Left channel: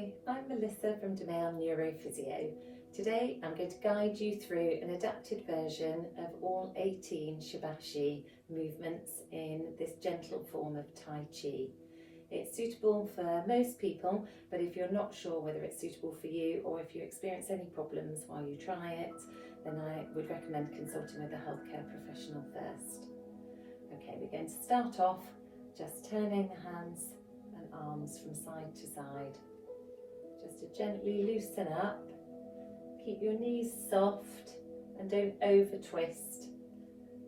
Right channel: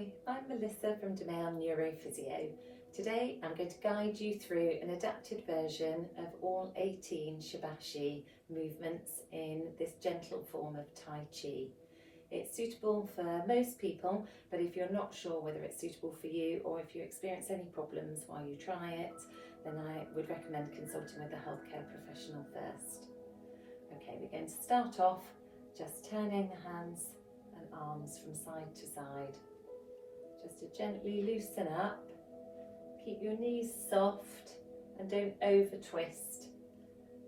Hi, I'm Melissa from Demail Neurophysio. Today I'm going to guide you through an adapted version of all 18 Shibashi movements in this gentle form of Tai Chi. It's suitable for most people, but if you're not sure whether it's suitable for you or if you experience any problems while you try it, then I would recommend consulting with a healthcare professional first. Okay, we're going to start off just turning the hands and arms from side to side. Just to gently loosen up, keep your knees soft and don't over twist.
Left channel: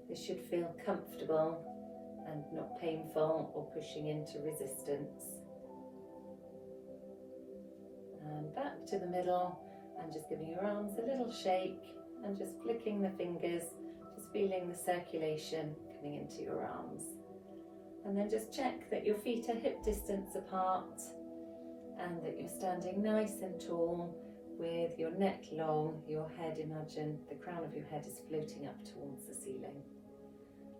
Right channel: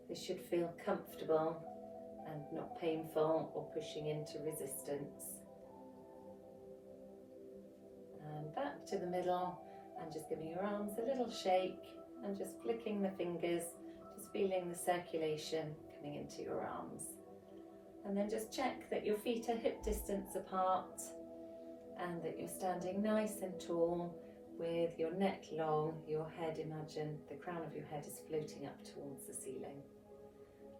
This should feel comfortable and not painful or pushing into resistance. And back to the middle and just giving your arms a little shake and just flicking the fingers, just feeling the circulation coming into your arms. And then just check that your feet are hip distance apart and that you're standing nice and tall with your neck long, your head, imagine the crown of your head is floating up towards the ceiling.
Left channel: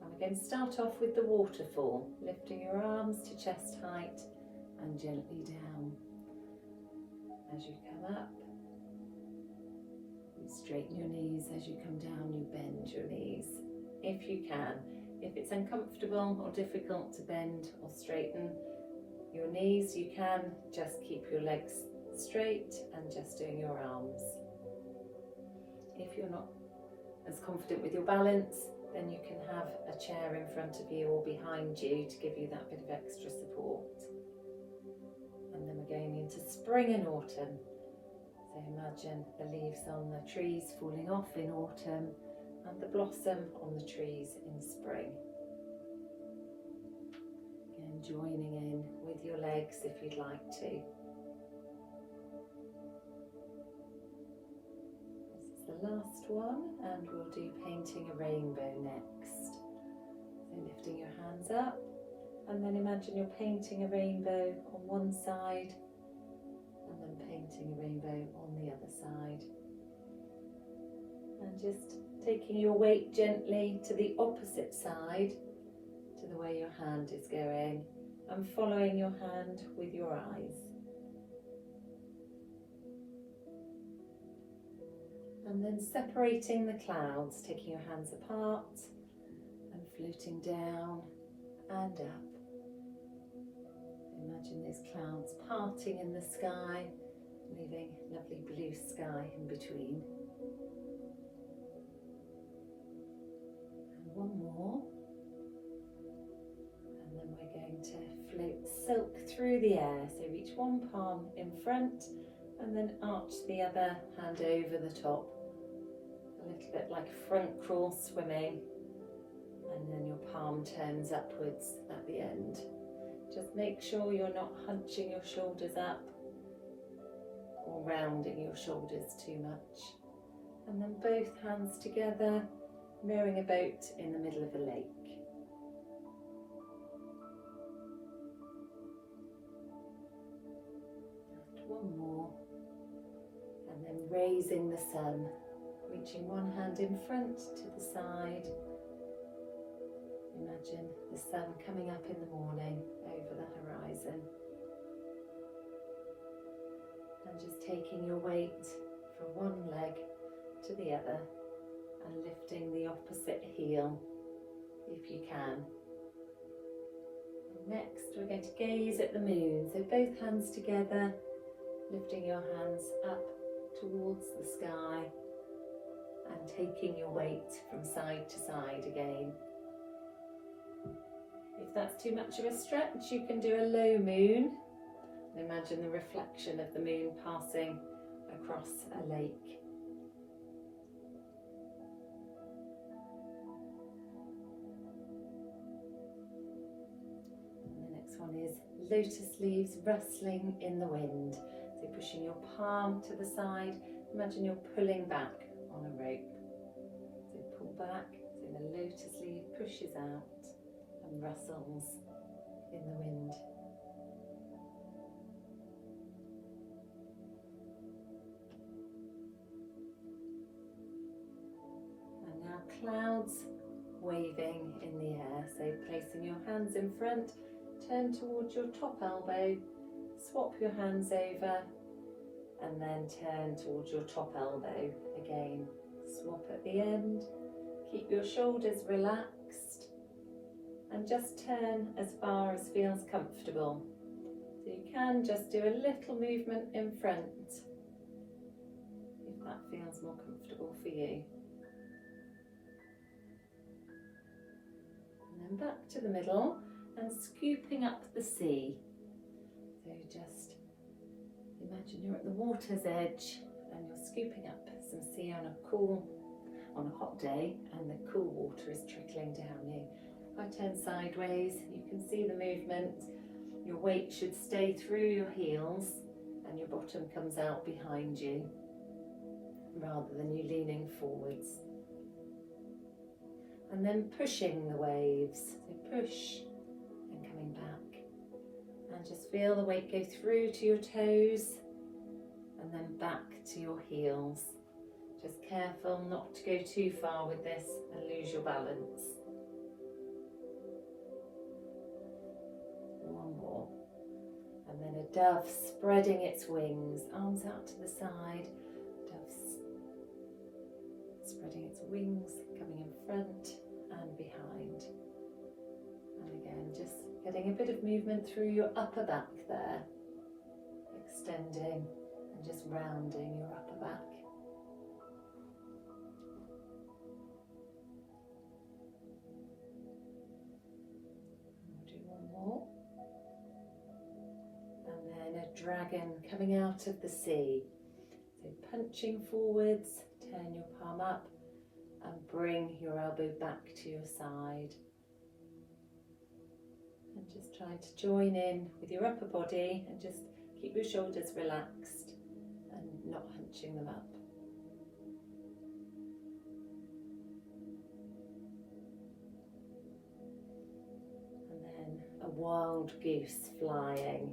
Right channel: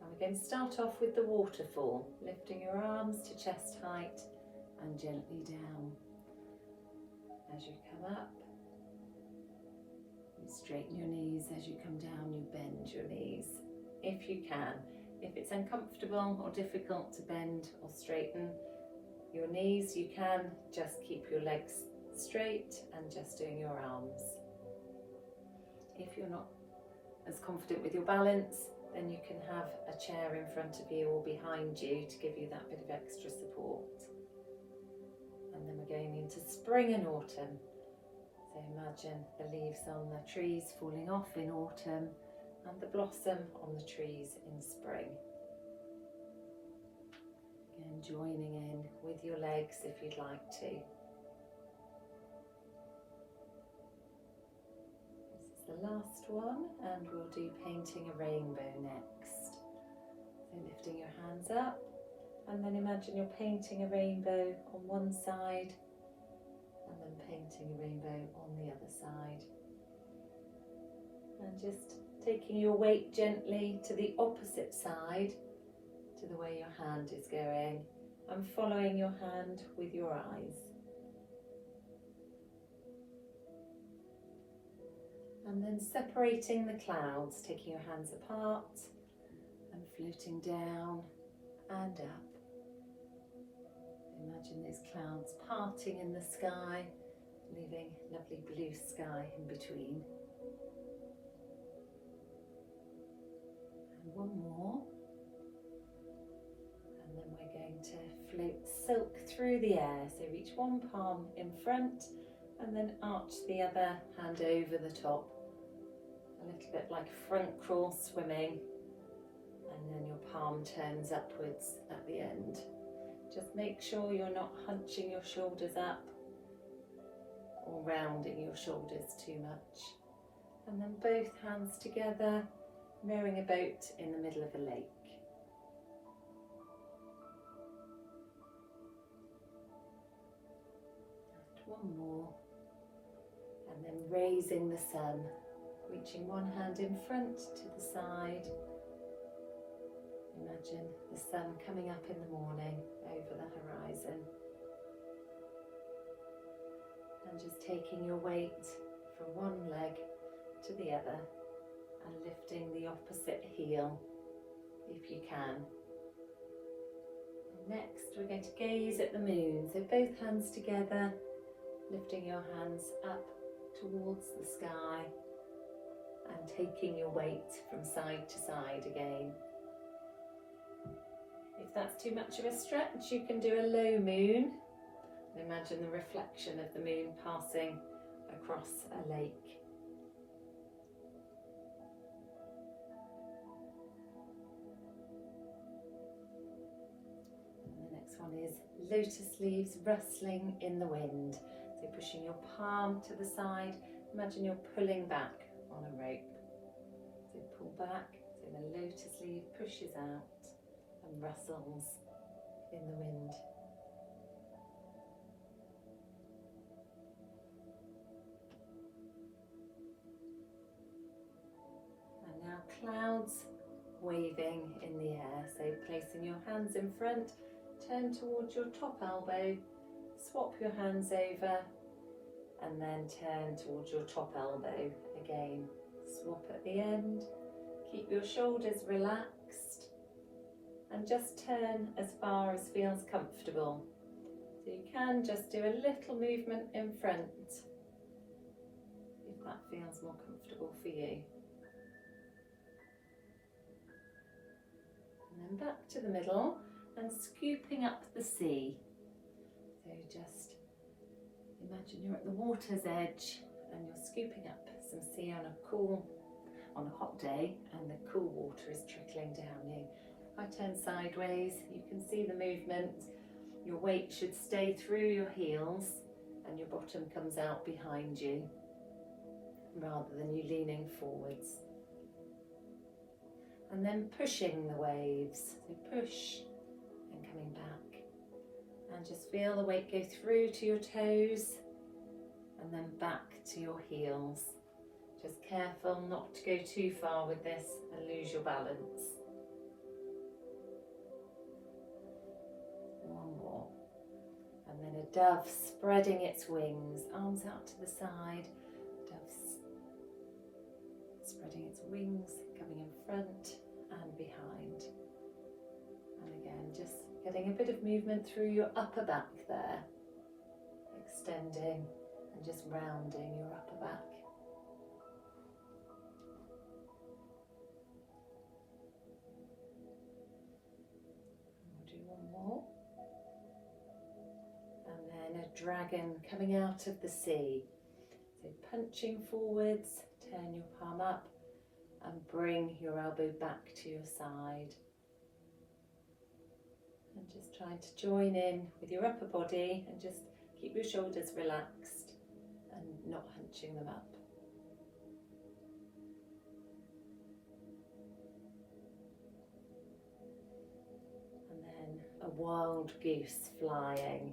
And we're going to start off with the waterfall, lifting your arms to chest height and gently down. As you come up, you straighten your knees. As you come down, you bend your knees if you can. If it's uncomfortable or difficult to bend or straighten your knees, you can just keep your legs straight and just doing your arms. If you're not as confident with your balance, then you can have a chair in front of you or behind you to give you that bit of extra support. And then we're going into spring and autumn. So imagine the leaves on the trees falling off in autumn and the blossom on the trees in spring. Again, joining in with your legs if you'd like to. This is the last one, and we'll do painting a rainbow next. So lifting your hands up, and then imagine you're painting a rainbow on one side, and then painting a rainbow on the other side. And just taking your weight gently to the opposite side to the way your hand is going and following your hand with your eyes. And then separating the clouds, taking your hands apart and floating down and up. Imagine those clouds parting in the sky, leaving lovely blue sky in between. And one more. And then we're going to float silk through the air. So reach one palm in front and then arch the other hand over the top. A little bit like front crawl swimming. And then your palm turns upwards at the end. Just make sure you're not hunching your shoulders up or rounding your shoulders too much. And then both hands together, mirroring a boat in the middle of a lake. One more, and then raising the sun, reaching one hand in front to the side. Imagine the sun coming up in the morning over the horizon, and just taking your weight from one leg to the other and lifting the opposite heel if you can. And next we're going to gaze at the moon, so both hands together, lifting your hands up towards the sky and taking your weight from side to side again. If that's too much of a stretch, you can do a low moon. Imagine the reflection of the moon passing across a lake. And the next one is lotus leaves rustling in the wind. So pushing your palm to the side, imagine you're pulling back on a rope. So pull back, so the lotus leaf pushes out and rustles in the wind. And now clouds waving in the air. So placing your hands in front, turn towards your top elbow, swap your hands over and then turn towards your top elbow. Again, swap at the end. Keep your shoulders relaxed and just turn as far as feels comfortable. So you can just do a little movement in front if that feels more comfortable for you. And then back to the middle and scooping up the sea. So just imagine you're at the water's edge and you're scooping up some sea on a hot day, and the cool water is trickling down you. If I turn sideways, you can see the movement. Your weight should stay through your heels and your bottom comes out behind you rather than you leaning forwards. And then pushing the waves. So push and coming back. And just feel the weight go through to your toes and then back to your heels. Just careful not to go too far with this and lose your balance. One more. And then a dove spreading its wings, arms out to the side. Dove spreading its wings, coming in front and behind. And again, just getting a bit of movement through your upper back there. Extending and just rounding your upper back. Dragon coming out of the sea. So punching forwards, turn your palm up and bring your elbow back to your side. And just try to join in with your upper body and just keep your shoulders relaxed and not hunching them up. And then a wild goose flying.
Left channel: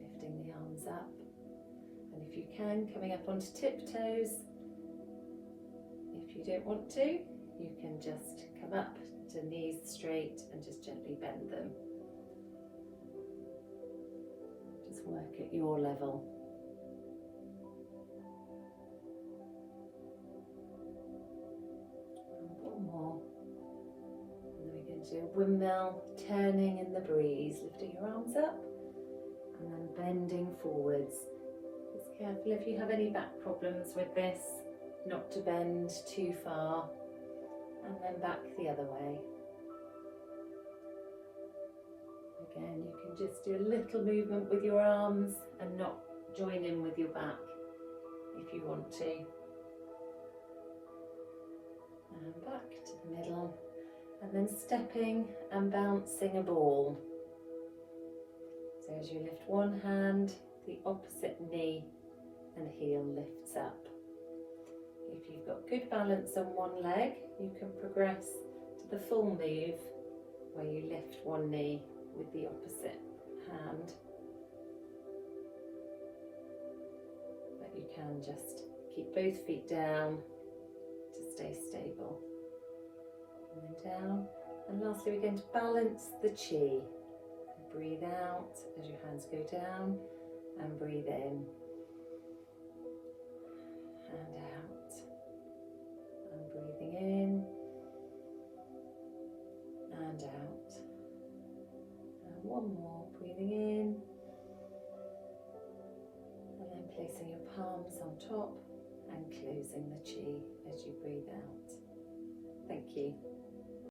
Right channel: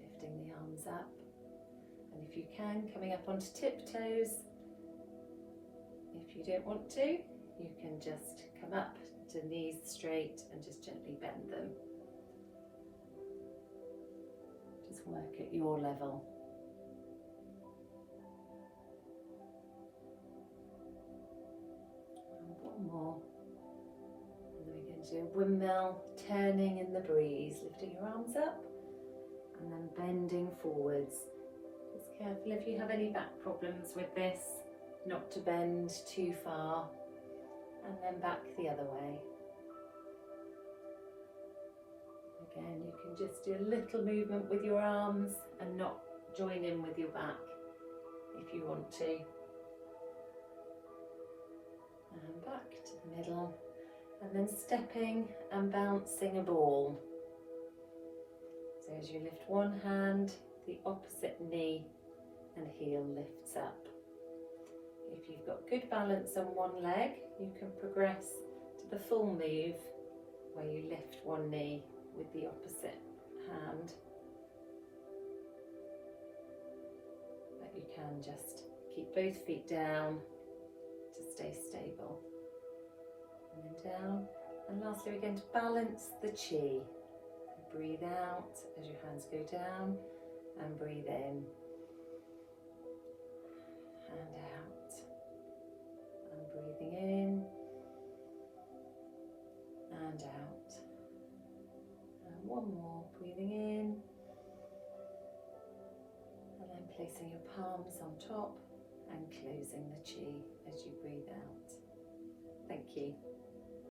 Lifting the arms up, and if you can, coming up onto tiptoes. If you don't want to, you can just come up to knees straight and just gently bend them. Just work at your level. And one more. And then we're going to do a windmill, turning in the breeze, lifting your arms up. And then bending forwards. Just careful if you have any back problems with this, not to bend too far. And then back the other way. Again, you can just do a little movement with your arms and not join in with your back if you want to. And back to the middle. And then stepping and bouncing a ball. So as you lift one hand, the opposite knee and heel lifts up. If you've got good balance on one leg, you can progress to the full move where you lift one knee with the opposite hand. But you can just keep both feet down to stay stable. And then down. And lastly, we're going to balance the chi. Breathe out as your hands go down and breathe in and out and breathing in and out. And one more, breathing in and then placing your palms on top and closing the chi as you breathe out. Thank you.